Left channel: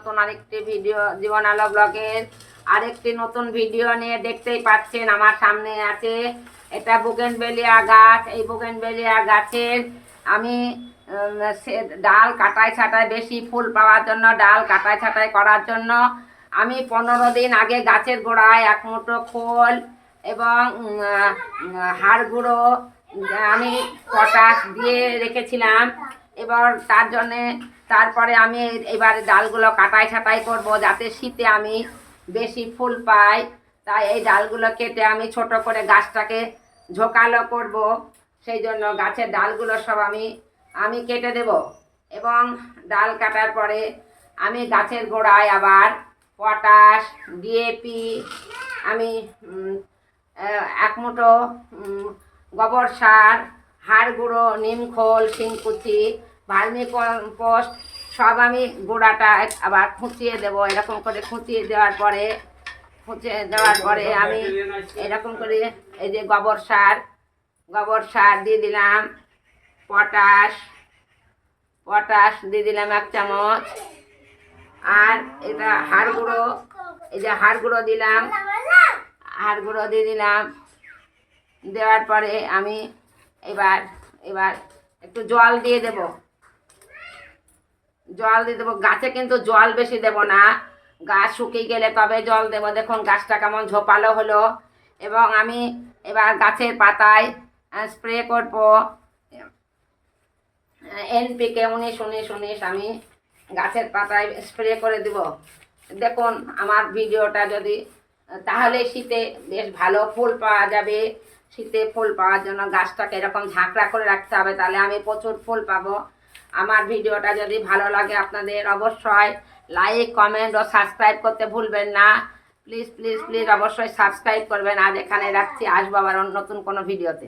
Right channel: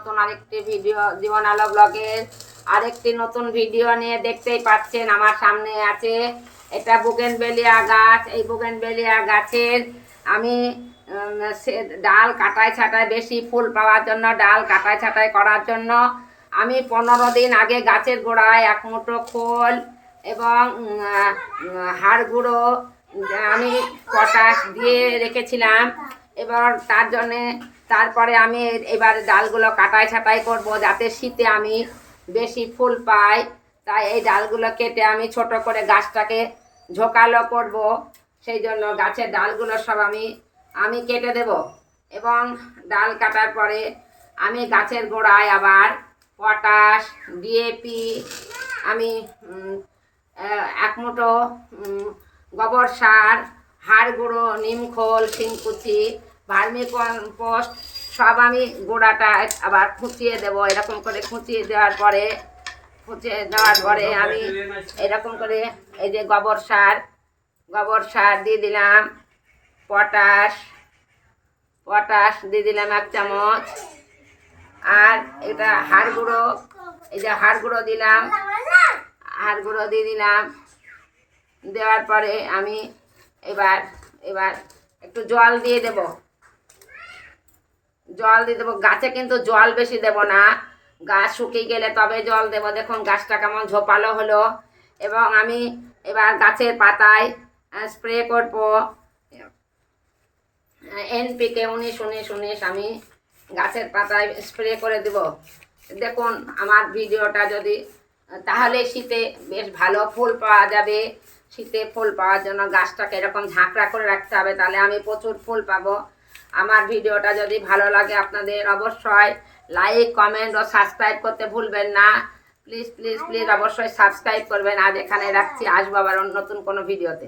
নতুন আরেকটি ভিডিও জীবন আলো ব্লগের আরেকটি নতুন ভিডিও নিয়ে দেখতেই পাচ্ছেন আমার সামনে আছে এটা বুগেনভেলিয়া গাছ। এই বুগেনভেলিয়া গাছের আমি ডাল কাটাই ছাটাই বেশি ফুল পাওয়ার জন্য ডাল কাটাই ছাটাই করার জন্য আমি 15 দিন আগে গাছের গোড়ায় 1 মুঠো খোল এবং হাড় গুঁড়ো আমি পটাশ দিয়ে রেখেছিলাম। এবার তার জন্যে তারপরে আমি এবার ডালগুলো কাটাই ছাটাই করব যাতে শীতে আমি বেশি ফুল পাই। তাই এই ডালগুলো কেটে আমি ছোট করে গাছটাকে ঝোঁকালো করব। সেই জন্য গাছের ডালগুলো সব আমি কেটে দেব এবং ডাল কাটার পরে আমি গাছের গোড়ায় আবার পটাশ ডিএপি আমি 1 মুঠো গোবর সার হাড় গুঁড়ো নিমখোল শিংকুচি ভার্মি কম্পোস্ট সব আমি গোড়াটা আবার খুঁচিয়ে দেবো। এরকম করে খুঁচিয়ে দেওয়ার পরে আমি এরকম করে এই যে গোবর সার দিয়ে দিলাম, পটাশ দিয়ে দিলাম 1 চামচ, আর এটা হাড় গুঁড়ো, এই যে হাড় গুঁড়ো দিলাম, হাড় গুঁড়ো দিয়ে দিলাম। দেওয়ার পরে আমি এবার একটু জল দিয়ে দেব, গাছে কিন্তু জল বেশি দেব না, গাছ শুকিয়ে গেলে তবে জল দেব। দেখুন গাছটা কেমন ঝোপালো হলো। এবং আমি এবার গাছের পাতায় স্প্রে করব এনপিকে 19-19-19 আমি গাছের পাতায় স্প্রে করে দেব। দেখুন আমার ভিডিওটা যদি, তাহলে শীতে বেশ ভালো ফুল পাওয়া যাবে। শীতে ফুল পাওয়ার জন্য গাছটাকে এরকম ঝাঁকড়া করে রাখতে হবে, তাহলে আমি প্রচুর ফুল পাবো। আমার ভিডিওটা যদি ভালো লাগে আপনাদের অবশ্যই লাইক কমেন্ট ও সাবস্ক্রাইব করতে ভুলবেন না। প্লিজ প্লিজ প্লিজ অবশ্যই সাবস্ক্রাইব করবেন। আজ এখানে রাখছি, আসবো আবার নতুন কোনো ভিডিওতে।